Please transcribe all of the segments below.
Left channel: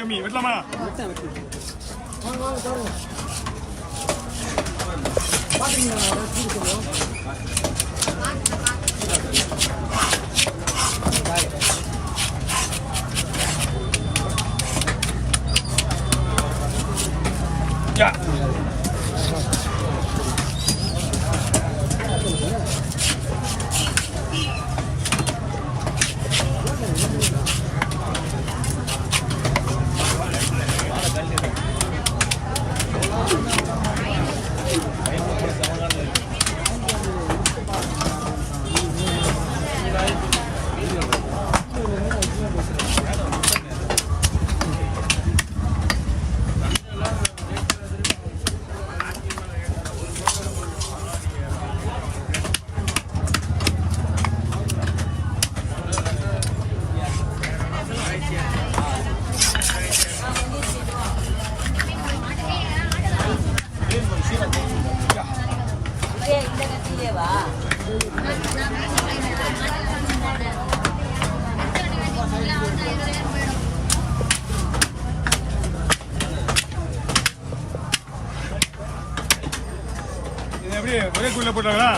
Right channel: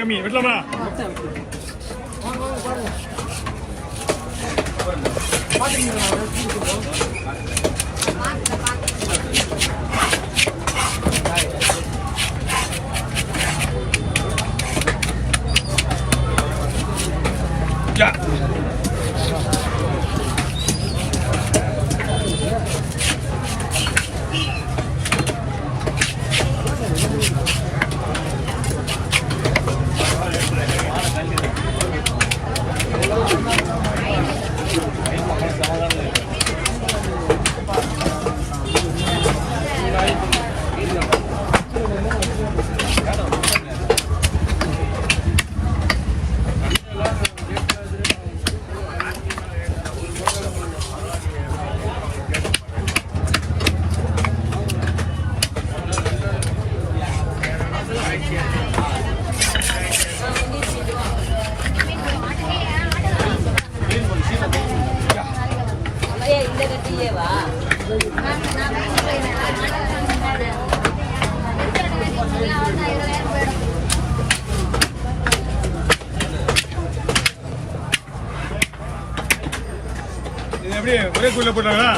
கம்மி விடலாமா? ஒரே கூல போட்டாங்களா?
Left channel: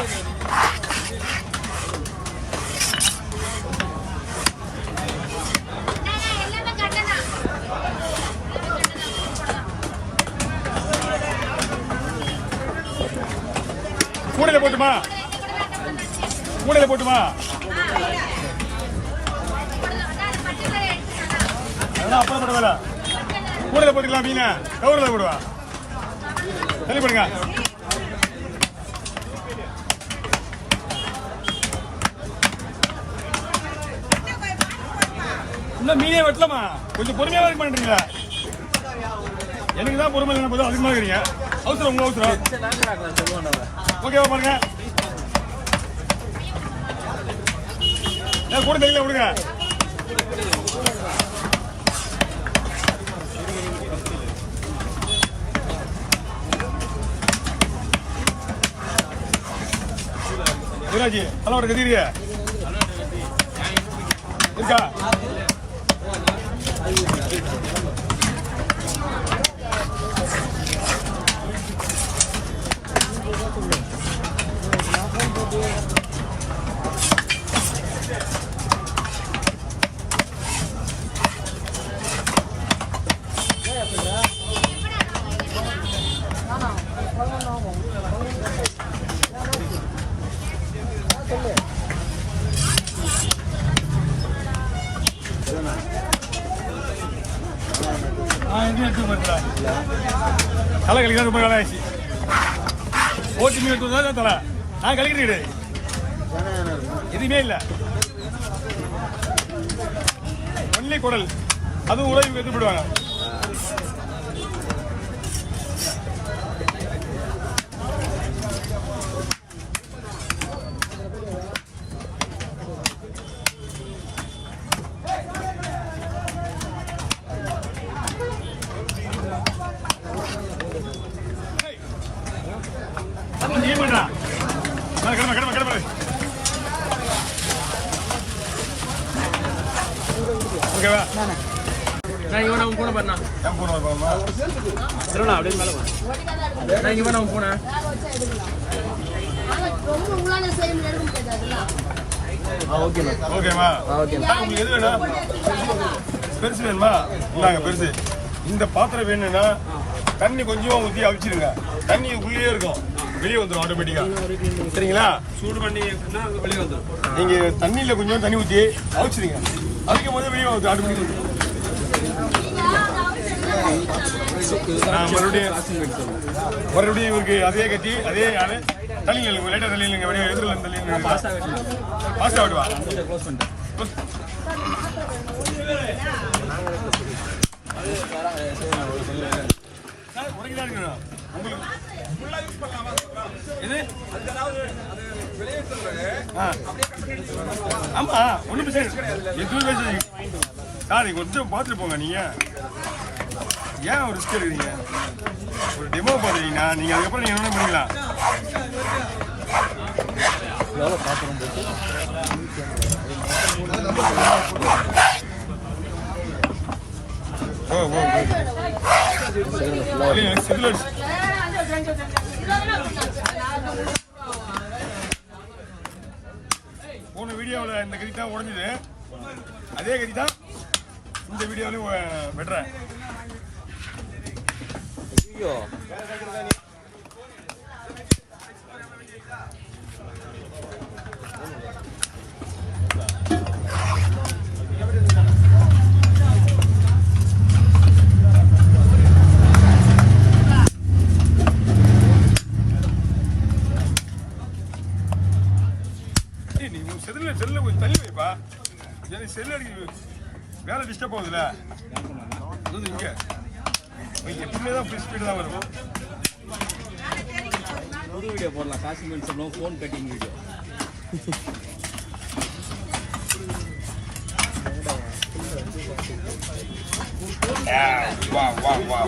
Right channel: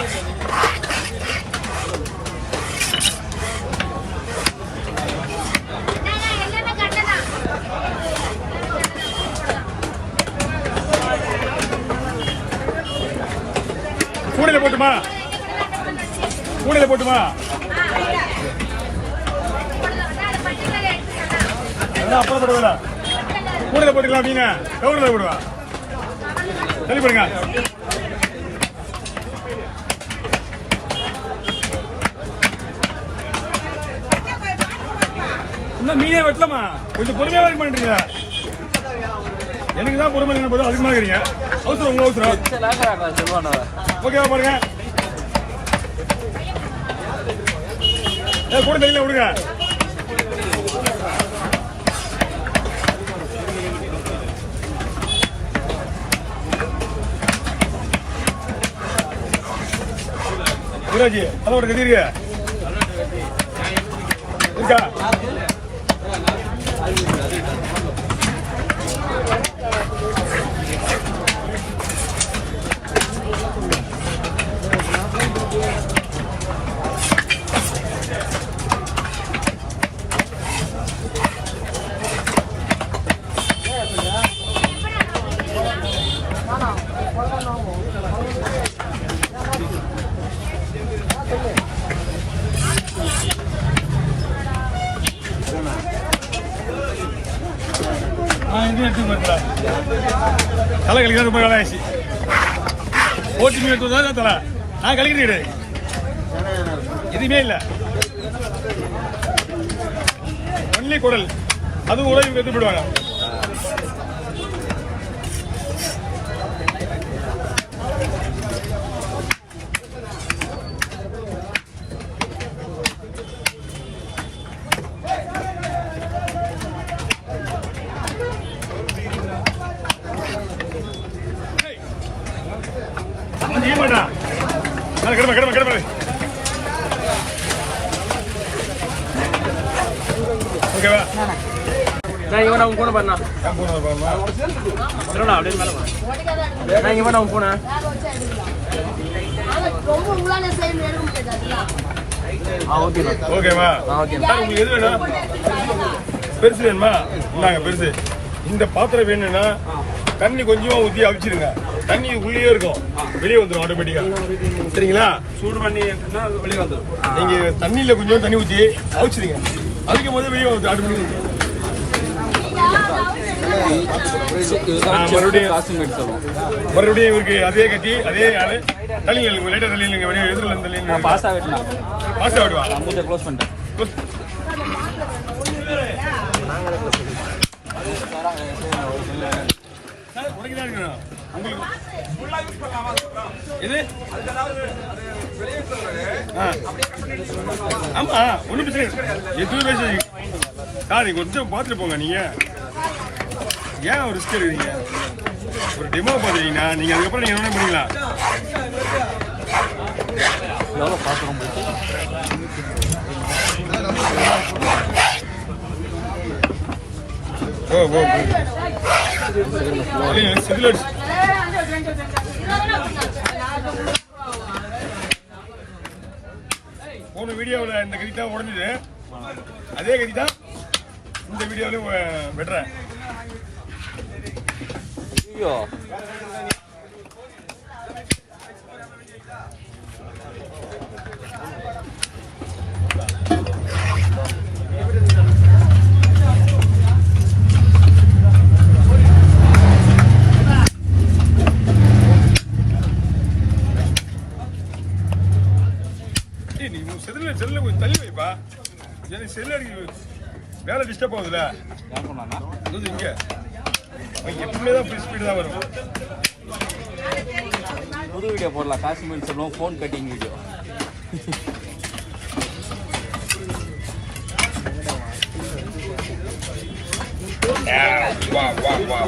கூடையில போட்டுமா? கூடையில போட்டுமா? அப்புறம் போடுவா கூடையில போட்டுக்கலாம் அப்படிங்க. கவர்ல போடுவா சரி பண்ணுங்க. இன்னும் மீனே வெட்டலாமா? கொஞ்சம் பொறுமையா இருக்க மாட்டீங்க. எனக்கு தான் பொறுமை இல்லைன்னு போதும் அதிகமாக இருக்கிறீங்க. அவசரம் உங்க அவசரம். ஓகேவா பாருங்க. கூட தெரியல விடுங்க. அதோட தெரியுங்க இருக்கா? தலை கழிக்க ரொம்ப ஆயிடுச்சு. ஓட்டி மீன் எடுத்து தலை நான் கழிக்கிறேன். எதுவுமே இல்லை. ஒன்லி குடல். அது உடல் எடுத்து போயிடுவாங்க. ஓகேவா? நான் இவன் அவன் போன பண்ணா நான் இவன் அவன் போனேன். ஓகேவா? உங்களுக்கு எது வேணும்? பெருசு வேணுமா? இல்லாங்க பெருசு. இந்த பாத்திரம் வேணும்னா தண்ணி கொஞ்சமா ஊற்றி அவிச்சிருங்க. தண்ணி உள்ளே இருக்கும், வெளியே வந்துடும் ஆட்டோமேட்டிக்கா. சரிங்களா? சூடு பண்ணி வெளியே வந்துடும். நீங்க தண்ணியில கொஞ்சம் தண்ணி ஊற்றி அவிச்சிருங்க. அதுக்கு முதல்ல வெளியே வந்து ஆட்டோமேட்டிக்கா மறுபடியும் இவருக்கு அதே கட்டி அதே தள்ளி லைட்டா தள்ளி வெளியே எதிரில் தள்ளி பாஸ்தா விடுவா. க்ளோஸ் பண்ணிட்டேன். ஆமா ஒண்ணு சார் கொஞ்சம் பார்த்துட்டு போங்க. நீங்க ஏன் ஒரு ரிஸ்க் எடுக்கிறீங்க? ஒரு டெமோ பார்த்துட்டீங்கன்னா நீங்க அதுக்கப்புறம் நீங்க என்ன பண்ணிக்கலாம்? ஓ ஓ சிவில் அடிச்சு போன வீடியோவில் இந்த கதி தான் உடஞ்சுது, அதே கதி தான் இந்த வீடியோவிலும் வெட்டுறேன். நீ செல்ல கொஞ்சம் தள்ளி வைப்பா, எனக்கு செல்லு அடிக்க வேலை டிஸ்டர்ப் ஆகுதுல்ல. இங்க எப்பவுமே தான் ஃபுல் ஸ்பீடு தான் வரும். புது வீடியோ போடலாம், காஷ்மீர் சொல்லுவோம், ஃபோன் கட்டிங் வீடியோ. வா வா வா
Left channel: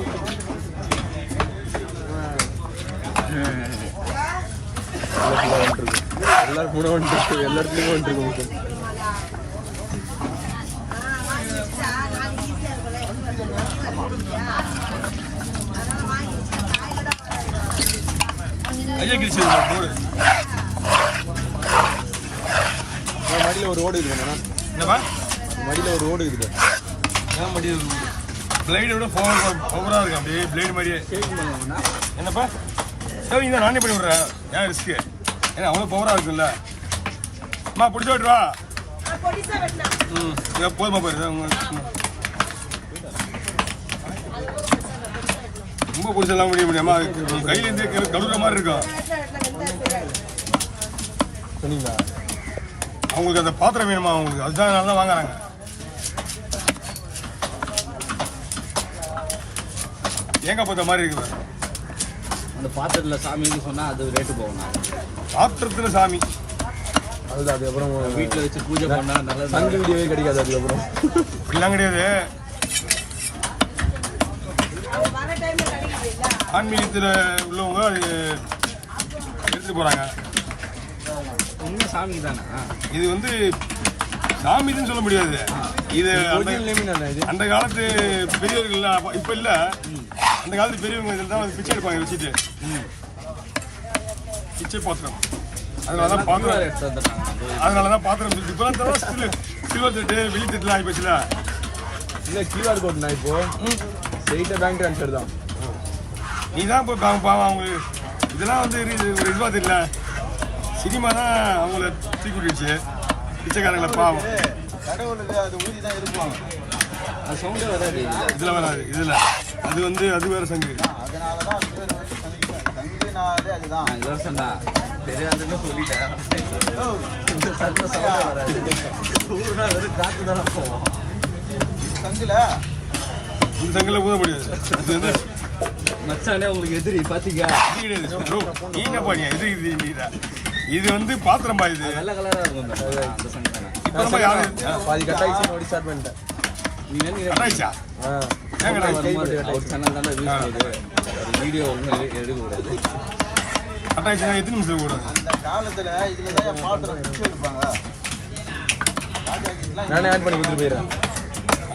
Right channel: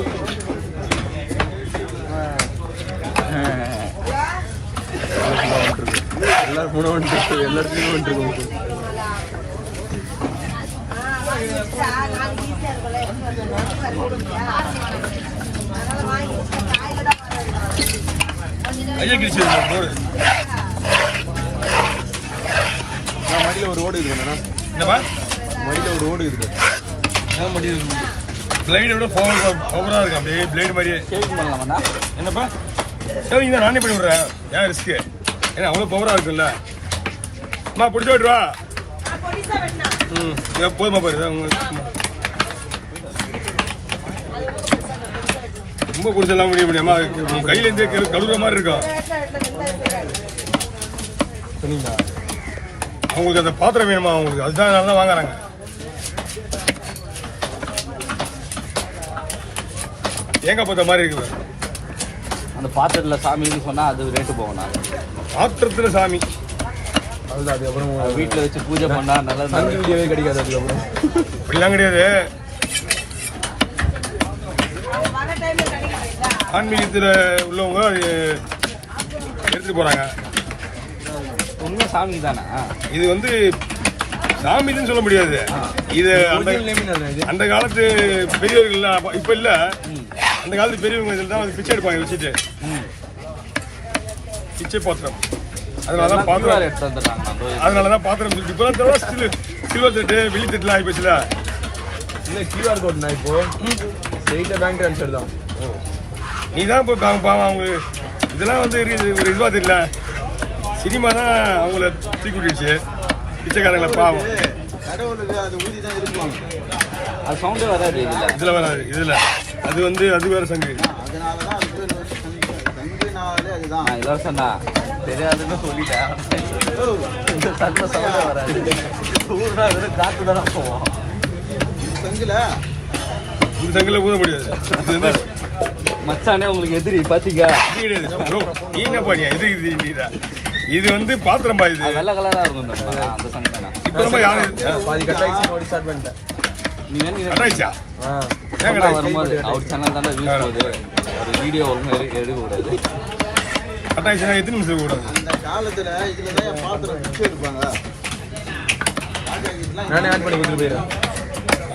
ஐயா கிழிச்சு போடு. மடியில் ஒரு ஓடு இருக்கு. என்னப்பா மடியில் ஒரு ஓடு இருக்கு. பிளேடோட பவராக இருக்கு, அப்படியே பிளேடு மாதிரியே. சேவிங் பண்ணலாமாண்ணா? என்னப்பா சேவிங் தான் நானே பண்ணி விட்றேன், ஏன் ரிஸ்க்கு? ஏன்னா அவ்வளோ பவராக இருக்குல்ல. அம்மா பிடிச்ச விட்டுவா. போதுமா பாரு, ரொம்ப பிடிச்செல்லாம் முடிய முடியாமா? நீ கையிலேருந்து கழுவுற மாதிரி இருக்கும். அவங்களுக்கு அந்த பாத்திரம் வேணுமா அவங்களுக்கு, அதுதான் நல்லா தான் வாங்குறாங்க. தேங்காய் பார்த்த மாதிரி இருக்குது. அந்த பாத்திரத்தில் சாமின்னு சொன்னால் அது ரேட்டு போகணா? பாத்திரத்தில் சாமி அது அப்புறம் வீட்டில் வச்சு பூஜை பண்ணால் நல்லா வீடியோவே கிடைக்காது. அதுக்கப்புறம் அப்படிலாம் கிடையாது. ஆன்மீகத்தில் உள்ளவங்க அது எடுத்துட்டு போகிறாங்க. உண்மை சாமி தானே இது வந்து சாமின்னு சொல்ல முடியாது. இது அந்த காலத்து பெரியவர்கள் இப்போ இல்லை, அந்த காலத்து பெரியவங்க இதில் தான் பிச்சை எடுப்பாங்க வச்சுட்டு. பிச்சை பாத்திரம், அதனாலதான் பாத்திரம் எடுத்து வந்துடுறாங்க. அதனாலதான் பாத்திரம் சொல்லிட்டு இப்போ சில்வர் தட்டு வெள்ளி தட்டுலாம் ஆகி போச்சுல. இல்லை கியூஆர் கோட்னா இப்போ ஸ்ட்ரெயிட்டாக பேங்க் ட்ரான்ஸ்ஃபர் தான். நீ தான் இப்போ பாவம் அவங்க இதெல்லாம் வந்து ஒரு இதுவாக தெரியல. சினிமா தான் அவங்கள தூக்கி விட்டுச்சு, பிச்சைக்காரங்களை பாவம். அது சவுண்டே வராது இதில் வராது. இதில் அது வந்து அது வேறு சங்கு. நான் இதான் சொன்னா தெரியாதுன்னு சொல்லிட்டேன். சவுண்டே வராது. வெறும் காற்று தானே போவோம். இந்த சங்கில் ஊத முடியாது. இது வந்து மச்சானே உங்களுக்கு எதிரி பாத்தீங்க. நீ என்ன பண்ணியா? இது வந்து பாத்திரம் பாயுது, வெள்ளை கலரா இருக்கும் அந்த சங்கு. இப்போ நம்ம யாரு வரும்போது அவர் சேனல் தானே யூஸ் ஆகுது. ஒரு வீடியோ ஒழுங்கு எடுக்கக்கூடாது. கட்டாயிடுச்சுன்னா எத்தனை நிமிஷம் கூடாது? நானே ஆட் பண்ணி கொடுத்துட்டு போயிடுறேன்.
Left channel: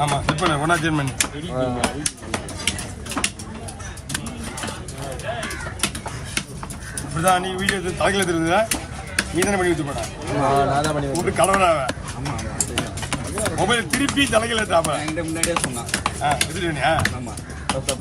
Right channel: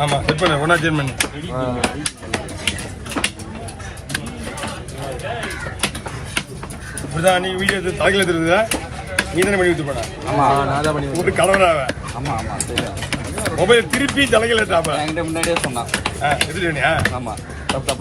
ஆமாம், செட் பண்ண ஒன்றா சேஞ்ச் பண்ணி. இப்படிதான் நீ வீடியோ தலையில் எடுத்துருந்தா நீ தானே பண்ணி வச்சு போன. ஆமாம், நான் தான் பண்ணி விட்டு கடவுளாக. ஆமாம் ஆமாம் தெரியும். மொபைல் திருப்பி தலையில் எடுத்தாப்ப என்கிட்ட முன்னாடியே சொன்னான். எடுத்துட்டு. ஆமாம், தப்பு